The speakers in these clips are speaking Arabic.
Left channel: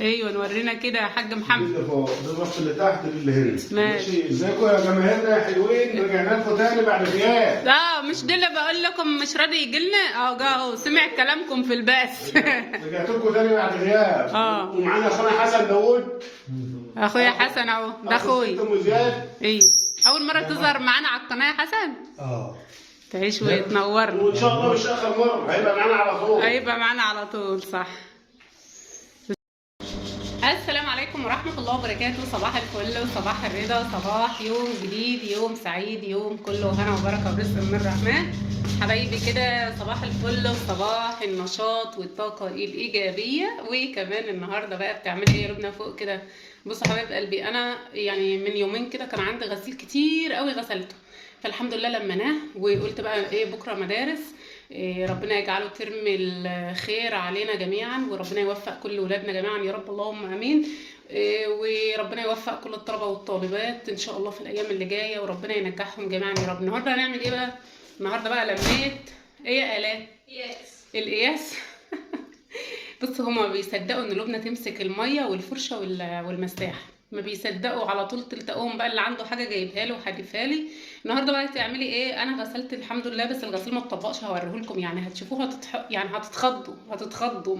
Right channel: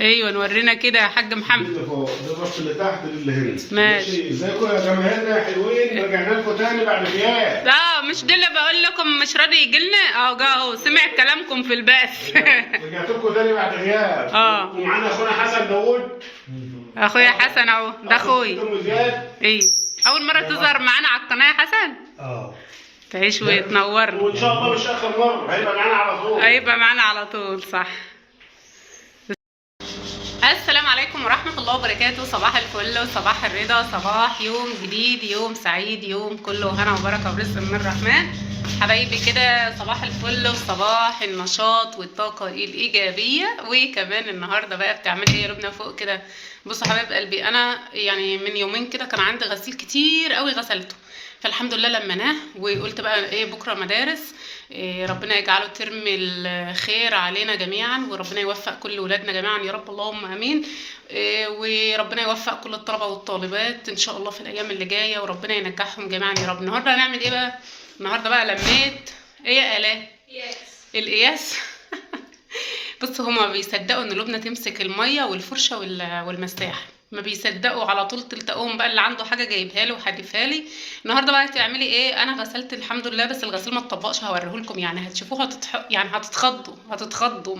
ايوه نورينا كده يا حاج محمد. اللي فوق ده الرف اللي تحت اللي هنا. ماشي. ازيكم يا جماهيرنا يا حلوين؟ رجعنا لكم تاني بعد غياب. لا مش ده اللي بقول لكم مش راضي يجي لنا اهو، جه اهو سمع كلامكم في البث. رجعت لكم تاني بعد غياب. ومعانا اخونا حسن داوود. اخويا حسن اهو، ده اخويا. ام زياد. ايوه اول مره تظهر معانا على القناه يا حسن. تعيش وتنورنا. وان شاء الله مش اخر مره، هيبقى معانا على طول. هيبقى معانا على طول صح. السلام عليكم ورحمة الله وبركاته. صباح الفل وصباح الرضا، صباح يوم جديد، يوم سعيد، يوم كله هنا وبركة ورزق من الرحمن. حبايبي كده صباح الفل وصباح النشاط والطاقة الإيجابية. وكمان النهاردة بقى بتعملي ايه يا لبنى فوق كده؟ بصوا حبايب قلبي، أنا يعني من يومين كده كان عندي غسيل كتير قوي غسلته، فالحمد لله لمناه وقلت بقى ايه بكرة مدارس. ربنا يجعله ترم الخير علينا جميعا، وربنا يوفق كل ولادنا جميعا يا رب اللهم امين. وربنا يوفق كل الطلبه والطالبات ان شاء الله في الايام اللي جايه، وربنا ينجحهم جميعا يا رب. النهارده هنعمل ايه بقى؟ النهارده بقى لميت ايه يا الاء؟ القياس. بصوا هما ما بيصدقوا ان لبنى تمسك الميه والفرشه والمساح، ما بيصدقوا على طول. تلتقوهم بقى اللي عنده حاجه جايبها له وحدفها لي. النهارده بقى هتعملي ايه؟ انا غسلت الحمد لله، بس الغسيل ما اتطبقش، هوريهولكم يعني هتشوفوها يعني هتتخضوا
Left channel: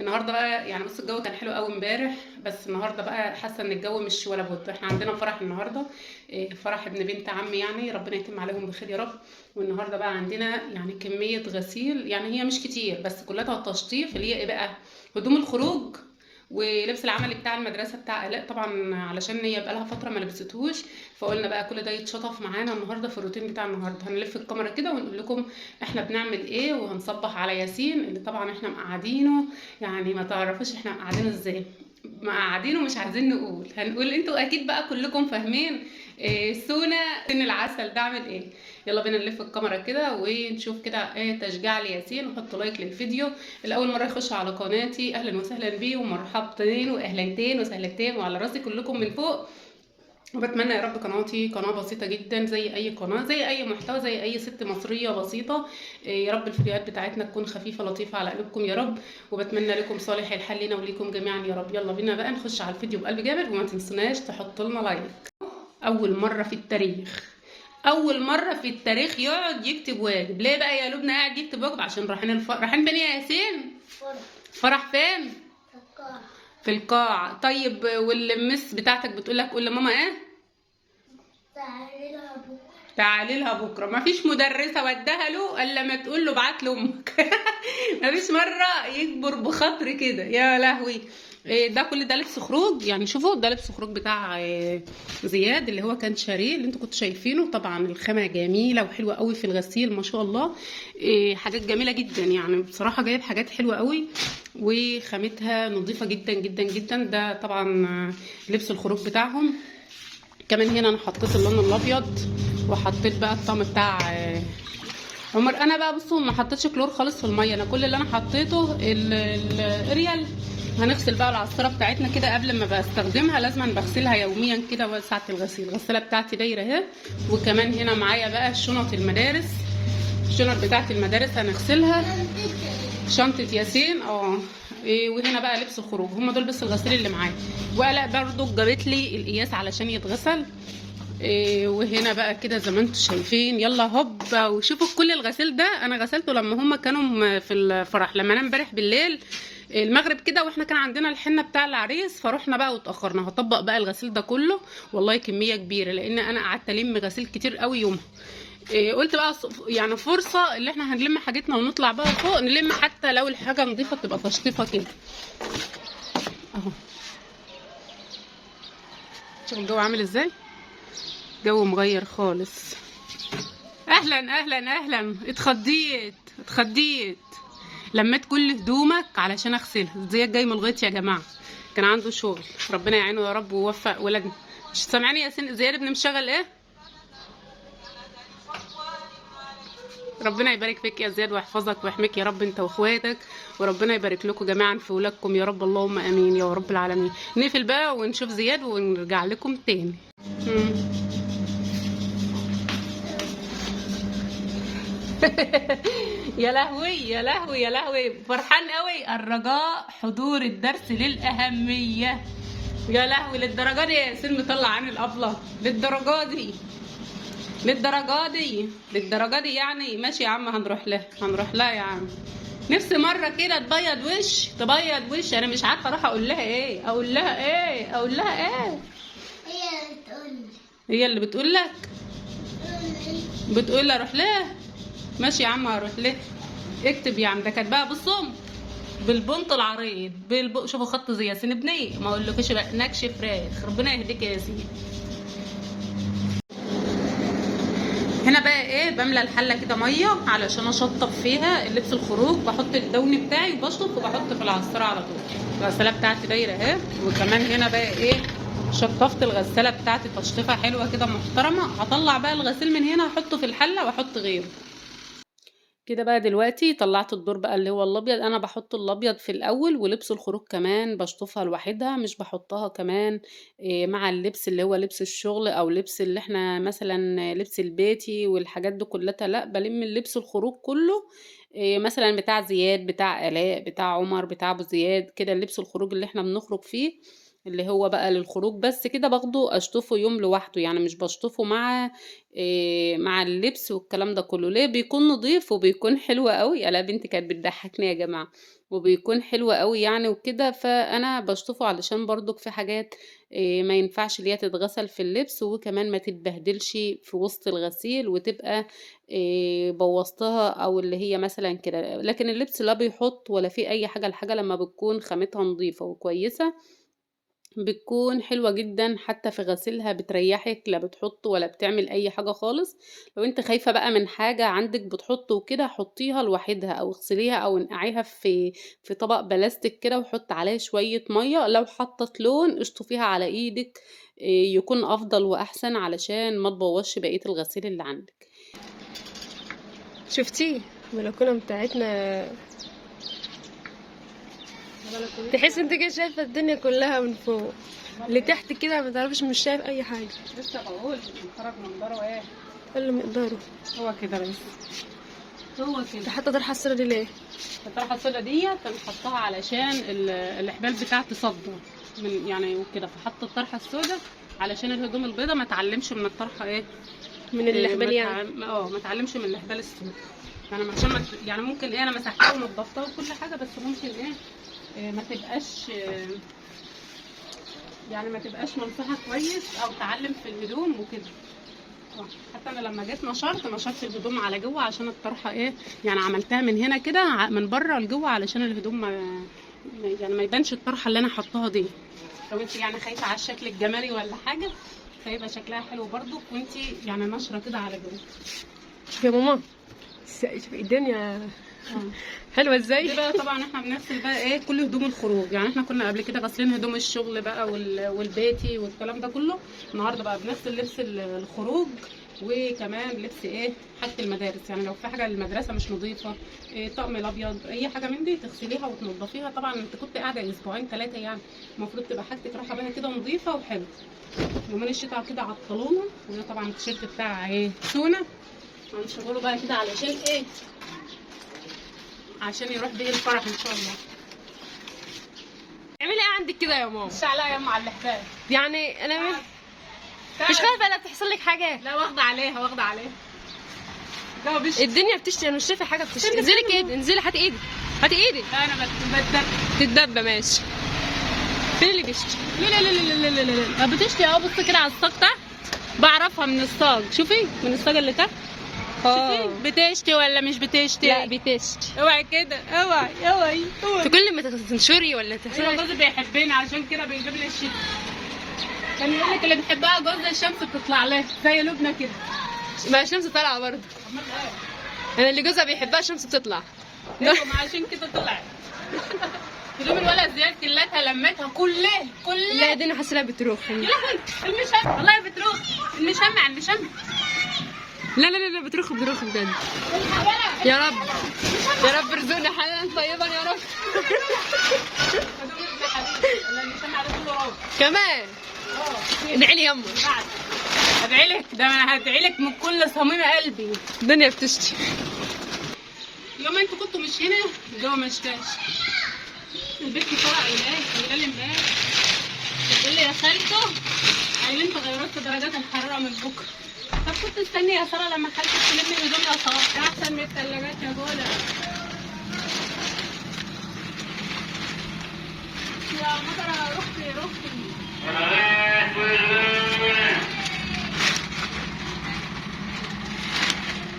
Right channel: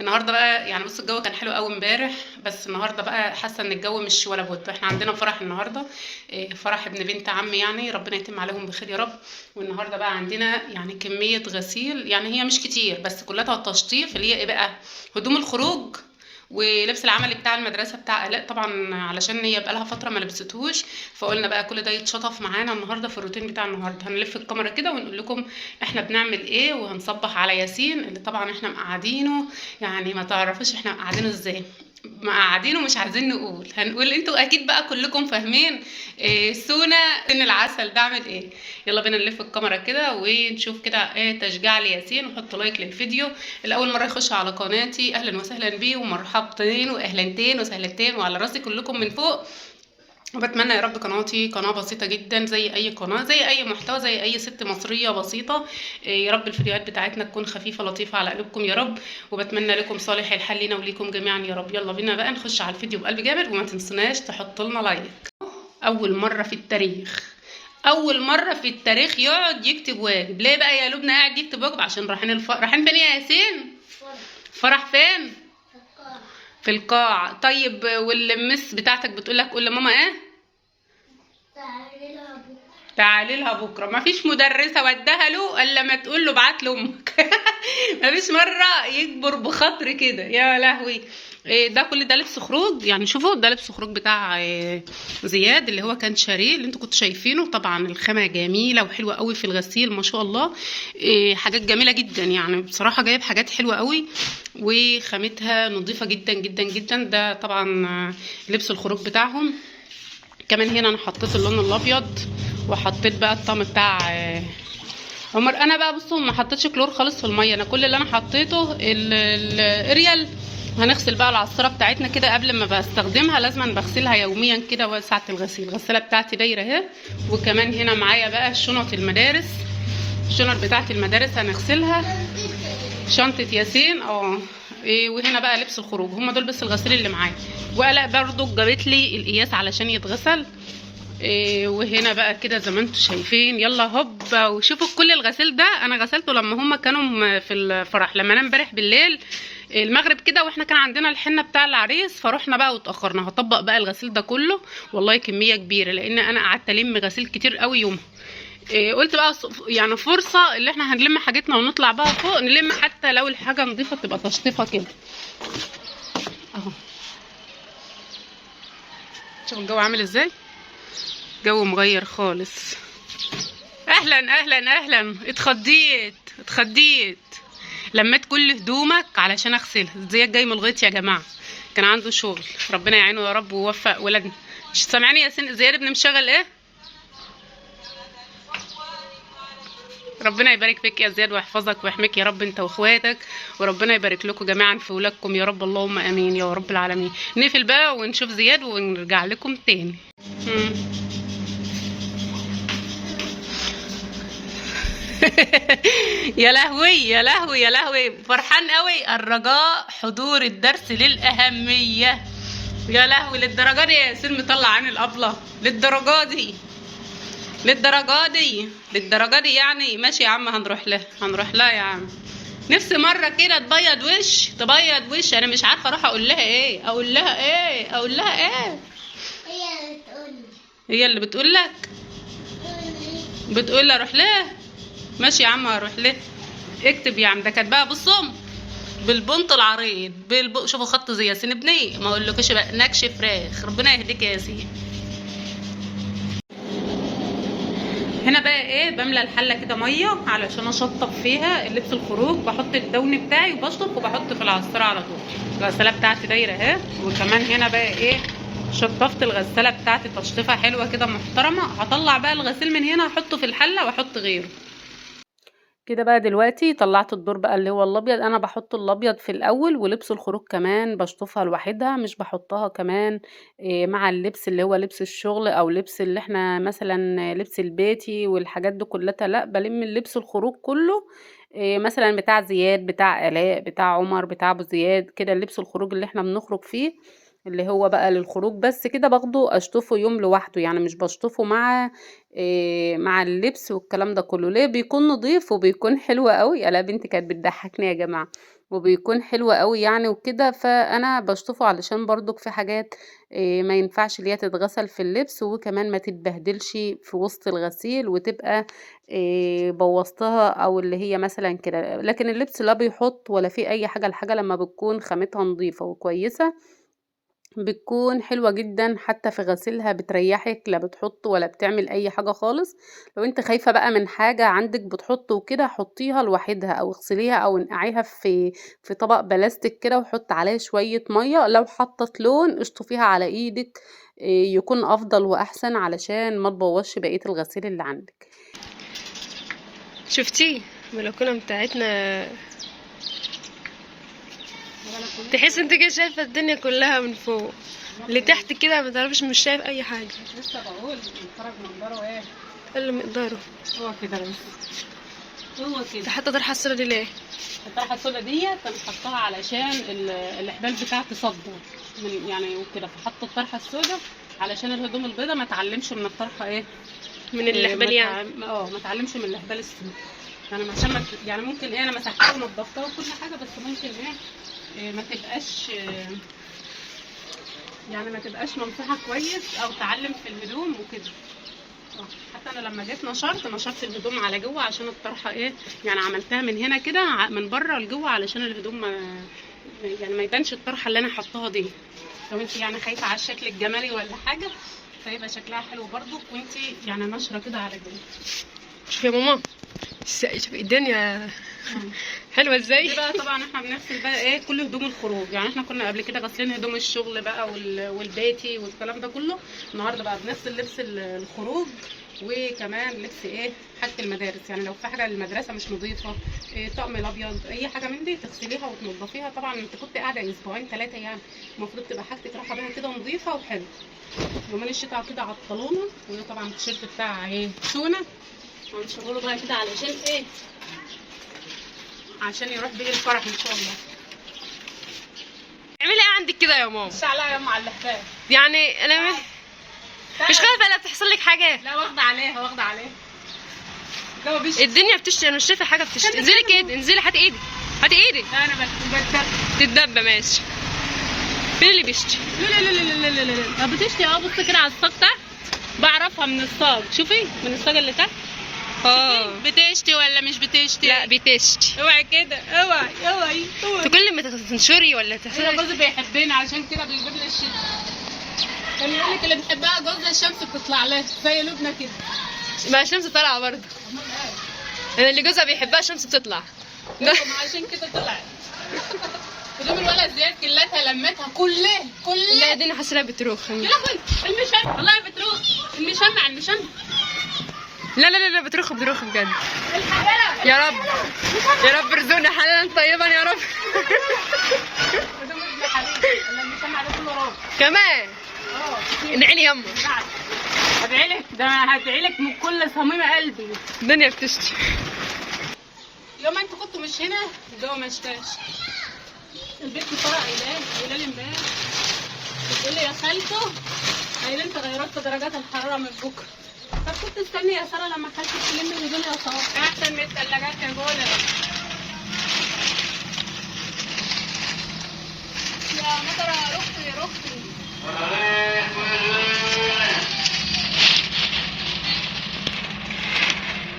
النهارده بقى. يعني بصوا الجو كان حلو قوي امبارح، بس النهارده بقى حاسه ان الجو مش ولا بد. احنا عندنا فرح النهارده، فرح ابن بنت عمي، يعني ربنا يتم عليهم بخير يا رب. والنهارده بقى عندنا يعني كميه غسيل، يعني هي مش كتير بس كلها تشطيف، اللي هي ايه بقى؟ هدوم الخروج ولبس العملي بتاع المدرسه بتاع الاء طبعا، علشان هي بقى لها فتره ما لبستهوش، فقلنا بقى كل ده يتشطف معانا النهارده في الروتين بتاع النهارده. هنلف الكاميرا كده ونقول لكم احنا بنعمل ايه، وهنصبح على ياسين اللي طبعا احنا مقعدينه، يعني ما تعرفوش احنا مقعدينه ازاي، مقعدينه مش عايزين نقول، هنقول انتوا اكيد بقى كلكم فاهمين. سونا سن العسل ده عامل ايه. يلا بينا نلف الكاميرا كده ونشوف كده ايه تشجيع لياسين، وحط لايك للفيديو. الاول مره يخش على قناتي اهلا وسهلا بيه ومرحبتين واهلتين وسهلتين وعلى راسي كلكم من فوق. وبتمنى يا رب قناتي قناه بسيطه جدا زي اي قناه، زي اي محتوى، زي اي ست مصريه بسيطه. يا رب الفيديوهات بتاعتنا تكون خفيفه لطيفه على قلوبكم يا رب، وبتمنى لكم صالح الحال لينا وليكم جميعا يا رب. يلا بينا بقى نخش على الفيديو بقلب جامد، وما تنسوناش تحطوا لنا لايك. اول مره في التاريخ، اول مره في التاريخ يقعد يكتب واجب. ليه بقى يا لبنى قاعد يكتب واجب؟ عشان رايحين رايحين فين يا ياسين؟ فرح فين؟ في القاعه. طيب والمس بتاعتك بتقول لك قول لماما ايه؟ تعالي لها بكره. ما فيش مدرسه ودها له الا ما تقول له ابعت لامك. ما فيش مره يكبر بخاطر كده يا لهوي. ده كل ده لبس خروج، يعني شوفوا ده لبس خروج بتاع زياد اللي هو كان شاريه، اللي انتوا كنتوا شايفينه. طبعا الخامه جميله وحلوه قوي في الغسيل ما شاء الله. حاجات جميله جدا يعني بصراحه، جايب حاجات حلوه قوي وخامتها نظيفه جدا جدا جدا. ده طبعا لبس الخروج بتاعهم. كمان هنا انا حطيت اللون الابيض، وحطيت بقى الطقم بتاع عمر. انا بقى بصوا ما حطيتش كلور خالص في الميه، انا كل اللي انا حطيته الاريال. هنغسل بقى العصاره بتاعتنا كده قبل ما بستخدمها، لازم بغسلها يوميا كده ساعه الغسيل. الغساله بتاعتي دايره اهي. وكمان هنا معايا بقى شنط المدارس، الشنط بتاعت المدارس هنغسلها، شنطه ياسين وهنا بقى لبس الخروج. هم دول بس الغسيل اللي معايا. وقلق برضو جابت لي القياس علشان يتغسل. وهنا بقى كده زي ما انتم شايفين. يلا هوب وشوفوا كل الغسيل ده انا غسلته لما هم كانوا في الفرح، لما انا امبارح بالليل المغرب كده واحنا كان عندنا الحنه بتاع العريس، فروحنا بقى واتاخرنا. هطبق بقى الغسيل ده كله والله كميه كبيره، لان انا قعدت الم غسيل كتير قوي يومها. قلت بقى يعني فرصه اللي احنا هنلم حاجتنا ونطلع بقى فوق نلم، حتى لو الحاجه نظيفه تبقى تشطيفه كده اهو. شوف الجو عامل ازاي، جو مغير خالص. اهلا اهلا اهلا. اتخضيت لميت كل هدومك علشان اغسلها. زياد جاي من الغيط يا جماعه، كان عنده شغل، ربنا يعينه يا رب ويوفق ولادنا. مش سامعاني يا زياد ابن مشغل ايه؟ ربنا يبارك فيك يا زياد ويحفظك ويحميك يا رب انت واخواتك، وربنا يبارك لكم جميعا في ولادكم يا رب اللهم امين يا رب العالمين. نقفل بقى ونشوف زياد ونرجع لكم تاني. يا لهوي يا لهوي يا لهوي، فرحان قوي. الرجاء حضور الدرس للأهمية. يا لهوي للدرجة دي يا ياسين مطلع عن الأبلة؟ للدرجة دي للدرجة دي للدرجة دي يعني. ماشي يا عم، هنروح لها يا عم. نفسي مرة كده تبيض وش. أنا مش عارفة أروح أقول لها إيه. هي اللي بتقول لك. بتقول لي اروح لها. ماشي يا عم هروح لها. اكتب يا عم. ده كاتباها بالصم بالبنط العريض شوفوا خط زي ياسين ابني، ما اقولكش بقى نكش فراخ. ربنا يهديك يا ياسين. هنا بقى ايه، بملى الحله كده ميه علشان اشطف فيها اللبس الخروج. بحط الدون بتاعي وبشطف وبحط في العصاره على طول. الغساله بتاعتي دايره اهي. وكمان هنا بقى ايه، شطفت الغساله بتاعتي تشطيفه حلوه كده محترمه. هطلع بقى الغسيل من هنا احطه في الحله واحط غيره كده. بقى دلوقتي طلعت الدور بقى اللي هو الابيض. انا بحط الابيض في الاول، ولبس الخروج كمان بشطفها لوحدها، مش بحطها كمان مع اللبس اللي هو لبس الشغل او لبس اللي احنا مثلا لبس البيتي والحاجات دي كلها. لا، بلم اللبس الخروج كله مثلا بتاع زياد، بتاع الاء، بتاع عمر، بتاع ابو زياد كده. اللبس الخروج اللي احنا بنخرج فيه اللي هو بقى للخروج بس كده، باخده اشطفه يوم لوحده يعني. مش بشطفه مع اللبس والكلام ده كله. ليه؟ بيكون نظيف وبيكون حلو قوي. الا بنتي كانت بتضحكني يا جماعه. وبيكون حلو قوي يعني وكده. فانا بشطفه علشان برضك في حاجات ما ينفعش اللي هي تتغسل في اللبس، وكمان ما تتبهدلش في وسط الغسيل وتبقى بوظتها او اللي هي مثلا كده. لكن اللبس لا بيحط ولا في اي حاجه. الحاجه لما بتكون خامتها نظيفه وكويسه بتكون حلوة جدا، حتى في غسيلها بتريحك. لا بتحط ولا بتعمل اي حاجة خالص. لو انت خايفة بقى من حاجة عندك بتحط وكده، حطيها لوحدها او اغسليها او انقعيها في طبق بلاستيك كده، وحط عليه شوية مية. لو حطت لون اشطفيها على ايدك يكون افضل واحسن علشان ما تبوظش بقية الغسيل اللي عندك. شفتي البلكونه بتاعتنا؟ تحس انت كده شايفه الدنيا كلها من فوق لتحت كده، ما تعرفش، مش شايف اي حاجه. لسه بقول نخرج منظره ايه اقل مقداره. هو كده بس. هو كده. انت حاطه طرحه الصوره دي ليه؟ الطرحه السودا ديت انا حطاها علشان الحبال بتاعتي صدى من يعني وكده. فحطت الطرحه السودا علشان الهدوم البيضاء ما تعلمش من الطرحه ايه، من الحبال يعني. ما تعلمش من الحبال السودا يعني. عشان يعني ممكن ايه، انا مسحتها ونضفتها وكل حاجه، بس ممكن ايه ما تبقاش يعني ما تبقاش ممسحه كويس او تعلم في الهدوم وكده. حتى انا لما جيت نشرت الهدوم على جوه عشان الطرحه ايه يعني. عملتها من هنا كده من بره لجوه علشان الهدوم يعني ما يبانش الطرحه اللي انا حطاها دي. لو انت يعني خايفه على الشكل الجمالي ولا حاجه فيبقى شكلها حلو برضو، وانت يعني نشره كده على جوه. شوفي يا ماما، شوفي الدنيا حلوه ازاي. دي بقى طبعا احنا بنغسل بقى ايه كل هدوم الخروج يعني. احنا كنا قبل كده غاسلين هدوم الشغل بقى والبيتي والكلام ده كله. النهارده بقى بنغسل لبس الخروج، وكمان لبس ايه حاجه المدارس يعني. لو في حاجه للمدرسه مش نظيفه طقم الابيض اي حاجه من دي تغسليها وتنضفيها. طبعا انت كنت قاعده اسبوعين 3 يعني، المفروض تبقى حاجتك رايحه بيها كده نظيفه وحلوه. يومين الشتاء كده عطلونا. وده طبعا التيشيرت بتاع ايه سونا هنشغله بقى كده علشان ايه، عشان يروح بيه الفرح ان شاء الله. اعملي ايه عندك كده يا ماما؟ مش عليها يا ام على الحكايه يعني انا مش خايفه لا تحصل لك حاجه. لا واخده عليها الدنيا بتشتي، انا مش شايفه حاجه بتشتي. انزلي كده، انزلي، هاتي ايدك. انا تتدبى ماشي. فين اللي بيشتي؟ لا بتشتي. بصي كده على الصاج تحت بعرفها من الصاج. شوفي من الصاج اللي تحت بتشتي ولا مش بتشتي؟ لا بتشتي. اوعي كده، اوعي كل ما تنشري ولا تحصلي. جوزي بيحبني عشان كده بيجيب لي الشتا. كان يقول لك اللي بتحبها جوز الشمس بتطلع لها زي لبنى كده. ما الشمس طالعه برضه. انا اللي جوزها بيحبها الشمس بتطلع. عشان كده طلعت. هدوم الولد زياد كلتها لمتها كلها. لا دي انا حاسه بتروخ. يا لهوي المشمع والله بتروخ. المشمع لا بتروخ بجد. يا رب ارزقنا حلالا طيبا يا رب. المشمع ده كله راب كمان. ادعي لي يما. هدعي لك، ده انا هدعي لك من كل صميم قلبي. الدنيا بتشتي. يوم انتوا كنتوا مش هنا الجو ما شتاش. البيت مطلع امبارح وليل امبارح. بتقول لي يا خالته قايل انت غيرت درجات الحراره من بكره. طب كنت مستنيه يا ساره لما خالتك تلم الهدوم يا صاحبي احسن من الثلاجات يا جوله. يا مطر يا رختي يا رختي.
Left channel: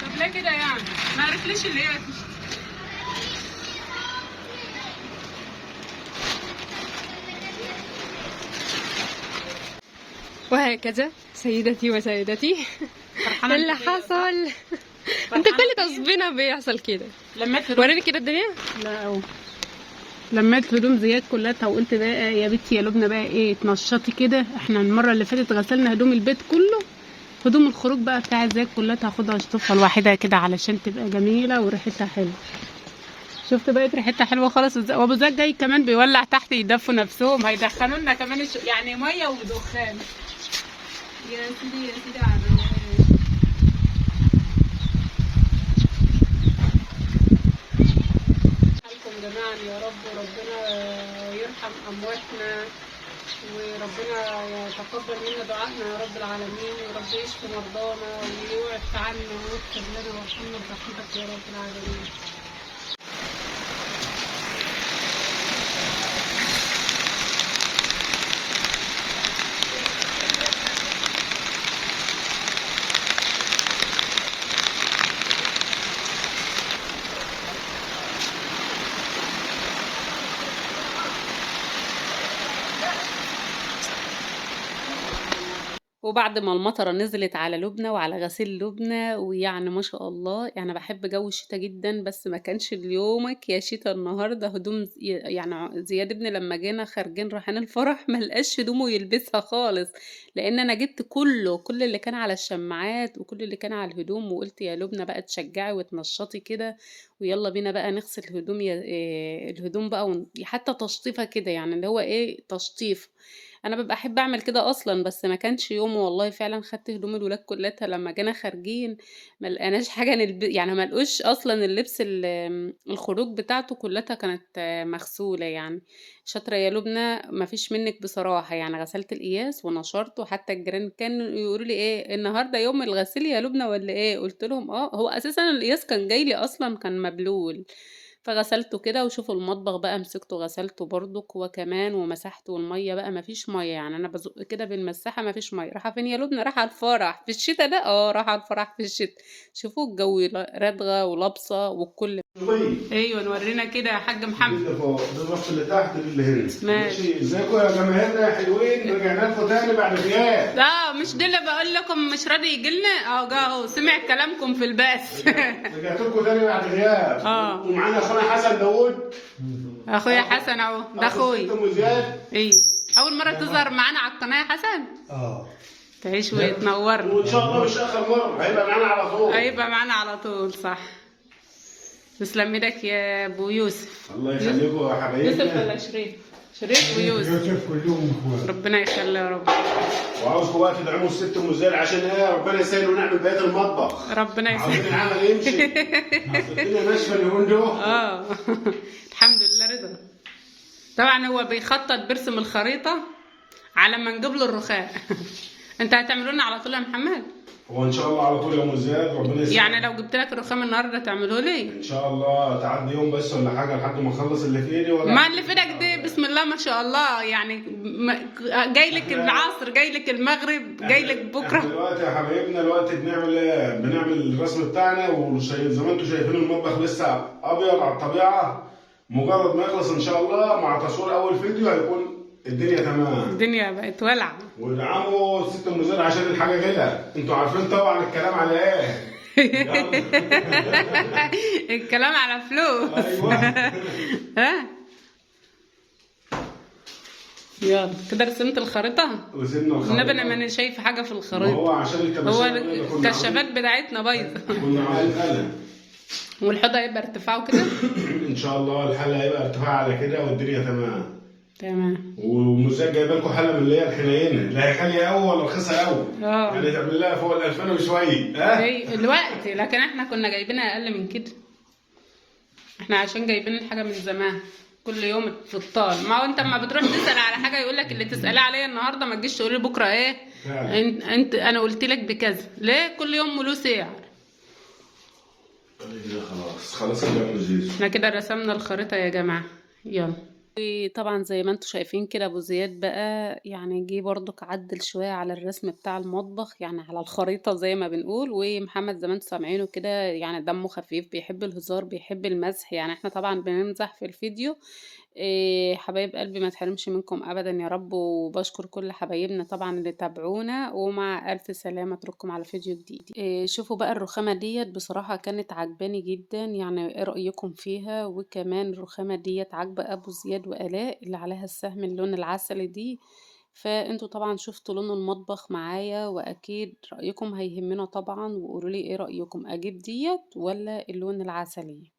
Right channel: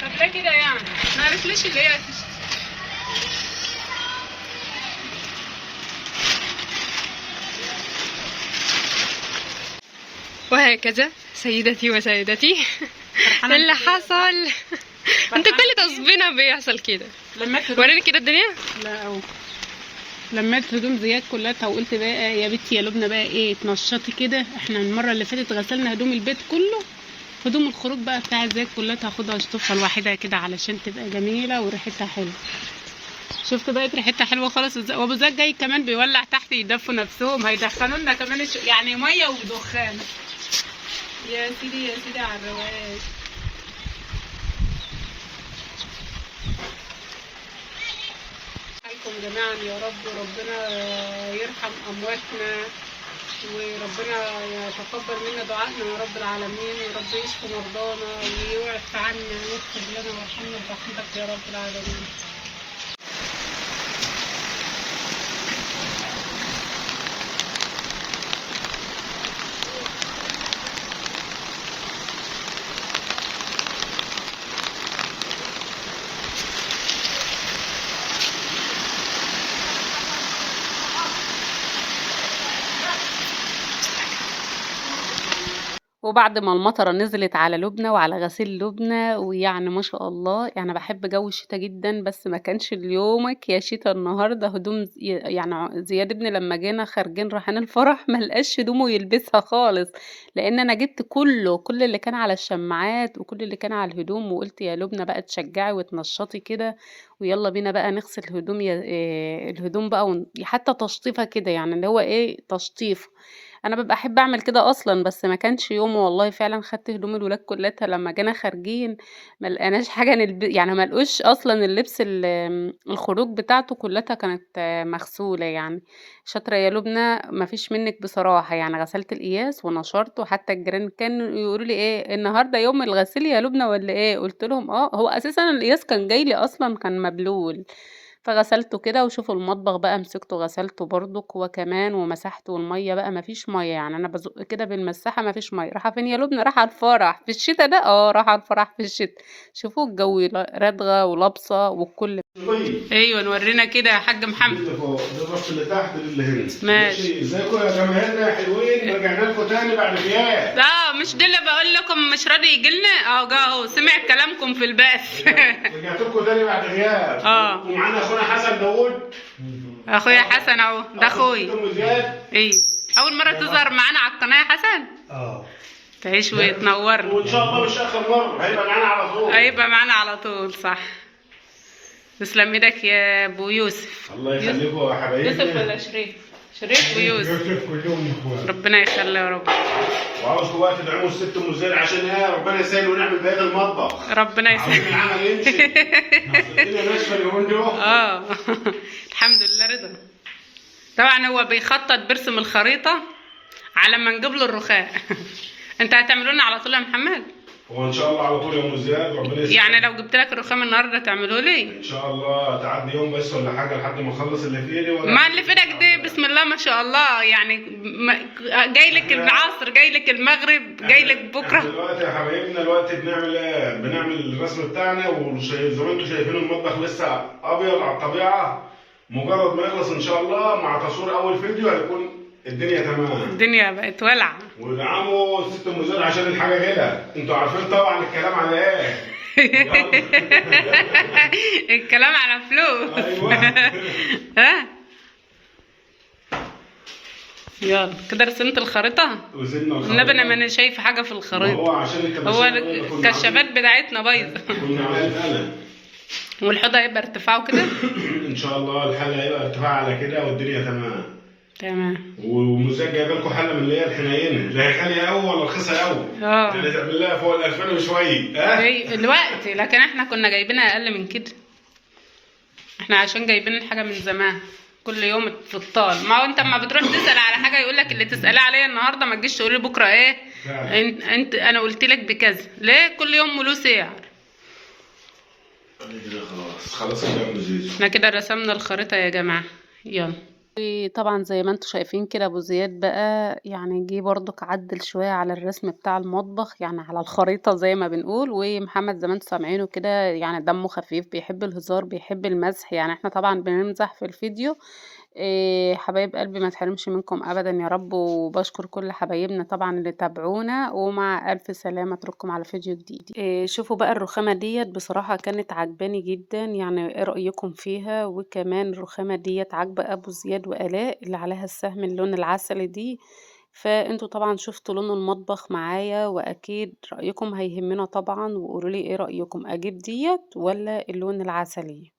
طب ليه كده يعني؟ ما عرفتليش اللي هي وهكذا سيدتي وسيدتي اللي حصل. انت كل تصبينا بيحصل كده. وريني كده الدنيا. لا أو. لميت هدوم زياد كلها وقلت بقى يا بنتي يا لبنى بقى ايه تنشطي كده. احنا المره اللي فاتت غسلنا هدوم البيت كله، هدوم الخروج بقى بتاع زياد كلها هاخدها اشطفها لوحدها كده علشان تبقى جميله وريحتها حلوه. شفت بقت ريحتها حلوه خالص. وابو زياد جاي كمان بيولع تحت يدفوا نفسهم، هيدخلوا لنا كمان يعني ميه ودخان. يا سيدي يا سيدي على الرواق. حالكم جميعا يا رب، وربنا يرحم امواتنا وربنا يتقبل منا دعائنا يا رب العالمين، ورب يشفي مرضانا ويوعف عنا ويغفر لنا ويرحمنا برحمتك يا رب العالمين. وبعد ما المطره نزلت على لبنى وعلى غسيل لبنى، ويعني ما شاء الله يعني بحب جو الشتاء جدا، بس ما كانش اليومك يا شتاء النهارده هدوم يعني زياد ابني لما جينا خارجين رايحين الفرح ما لقاش هدومه يلبسها خالص، لان انا جبت كل اللي كان على الشماعات وكل اللي كان على الهدوم، وقلت يا لبنى بقى تشجعي وتنشطي كده ويلا بينا بقى نغسل الهدوم الهدوم بقى حتى تشطيفها كده، يعني اللي هو ايه تشطيف. انا ببقى احب اعمل كده اصلا، بس ما كانش يوم والله. فعلا خدت هدوم الولاد كلها لما جينا خارجين ما لقيناش حاجه يعني ما لقوش اصلا اللبس الخروج بتاعته كلها كانت مغسوله يعني. شاطره يا لبنى ما فيش منك بصراحه، يعني غسلت القياس ونشرته، وحتى الجيران كانوا يقولوا لي ايه النهارده يوم الغسيل يا لبنى ولا ايه، قلت لهم هو اساسا القياس كان جاي لي اصلا كان مبلول، فغسلته كده. وشوفوا المطبخ بقى مسكته غسلته برضك هو كمان ومسحته، والميه بقى مفيش ميه، يعني انا بزق كده بالمساحه مفيش ميه. رايحه فين يا لبنى؟ رايحه الفرح في الشتاء ده. رايحه الفرح في الشتاء. شوفوا الجو ردغه ولابسه والكل. ايوه نورينا كده يا حاج محمد. ده فوق ده الرف اللي تحت اللي هنا. ماشي. ازيكم يا جماهيرنا يا حلوين؟ رجعنا لكم تاني بعد غياب. مش ده اللي بقول لكم مش راضي يجي لنا. جه اهو سمع كلامكم في البث. رجعت لكم تاني بعد غياب. ومعانا اخونا حسن داوود. اخويا حسن اهو ده اخويا. ايه اول مره تظهر معانا على القناه يا حسن؟ تعيش وتنورنا. وان شاء الله مش اخر مره، هيبقى معانا على طول. هيبقى معانا على طول صح. تسلم ايدك يا ابو يوسف. الله يخليكم يا حبايبنا. يوسف ولا شريف؟ شريف ويوسف. يوسف كلهم اخوات. ربنا يخلي يا رب. وعاوزكم بقى تدعموا الست ام زين عشان ربنا يسهل ونعمل بقيه المطبخ. ربنا يسهل. عاوزين العمل يمشي. الدنيا ناشفه اليومين دول. الحمد لله رضا. طبعا هو بيخطط بيرسم الخريطه على ما نجيب له الرخاء. انت هتعملوا لنا على طول يا محمد؟ هو ان شاء الله على طول يا ام زياد ربنا يسهل. يعني لو جبت لك الرخام النهارده تعملوه لي؟ ان شاء الله تعدي يوم بس ولا حاجه لحد ما اخلص اللي في ايدي. ما اللي في ايدك دي بسم الله ما شاء الله، يعني جاي لك العصر جاي لك المغرب جاي لك بكره. دلوقتي يا حبايبنا دلوقتي بنعمل ايه؟ بنعمل الرسم بتاعنا، وزي ما انتم شايفين المطبخ لسه ابيض على الطبيعه. مجرد ما يخلص ان شاء الله مع تصوير اول فيديو هيكون الدنيا تمام. الدنيا بقت ولعه. وادعموا ست ام زين عشان الحاجه غلا. انتوا عارفين طبعا الكلام على ايه. الكلام على فلوس. ايوه. يلا كده رسمت الخريطه. رسمنا الخريطه. النبي انا ماني شايفه حاجه في الخريطه. هو الكشافات بتاعتنا بايظه. كنا عاملين قلم. والحوض هيبقى ارتفاعه كده. ان شاء الله الحاله هيبقى ارتفاع على كده والدنيا تمام. تمام. ومزاج جايبه لكم حله من اللي هي الحنينه، لا هي غاليه قوي ولا رخيصه قوي. يعني تعمل لها فوق ال 2000 وشويه. الوقت لكن احنا كنا جايبينها اقل من كده. احنا عشان جايبين الحاجه من زمان كل يوم تطال. ما هو انت اما بتروح تسال على حاجه يقولك اللي تسالي عليا النهارده ما تجيش تقولي بكره ايه. فعلا. انت انا قلت لك بكذا ليه؟ كل يوم له سعر. كده خلاص كده يا زيزو. احنا كده رسمنا الخريطه يا جماعه، يلا. طبعا زي ما انتوا شايفين كده ابو زياد بقى يعني جه برضك عدل شويه على الرسم بتاع المطبخ، يعني على الخريطه زي ما بنقول. ومحمد زي ما انتوا سامعينه كده يعني دمه خفيف، بيحب الهزار بيحب المزح، يعني احنا طبعا بنمزح في الفيديو. حبايب قلبي ما تحرمش منكم ابدا يا رب. وبشكر كل حبايبنا طبعا اللي تابعونا، ومع الف سلامه اترككم على فيديو جديد. شوفوا بقى الرخامه ديت بصراحه كانت عجباني جدا، يعني ايه رايكم فيها؟ وكمان الرخامه ديت عاجبه ابو زياد والاء اللي عليها السهم اللون العسلي دي. فانتوا طبعا شفتوا لون المطبخ معايا، واكيد رايكم هيهمنا طبعا، وقولوا لي ايه رايكم، اجيب ديت ولا اللون العسلي؟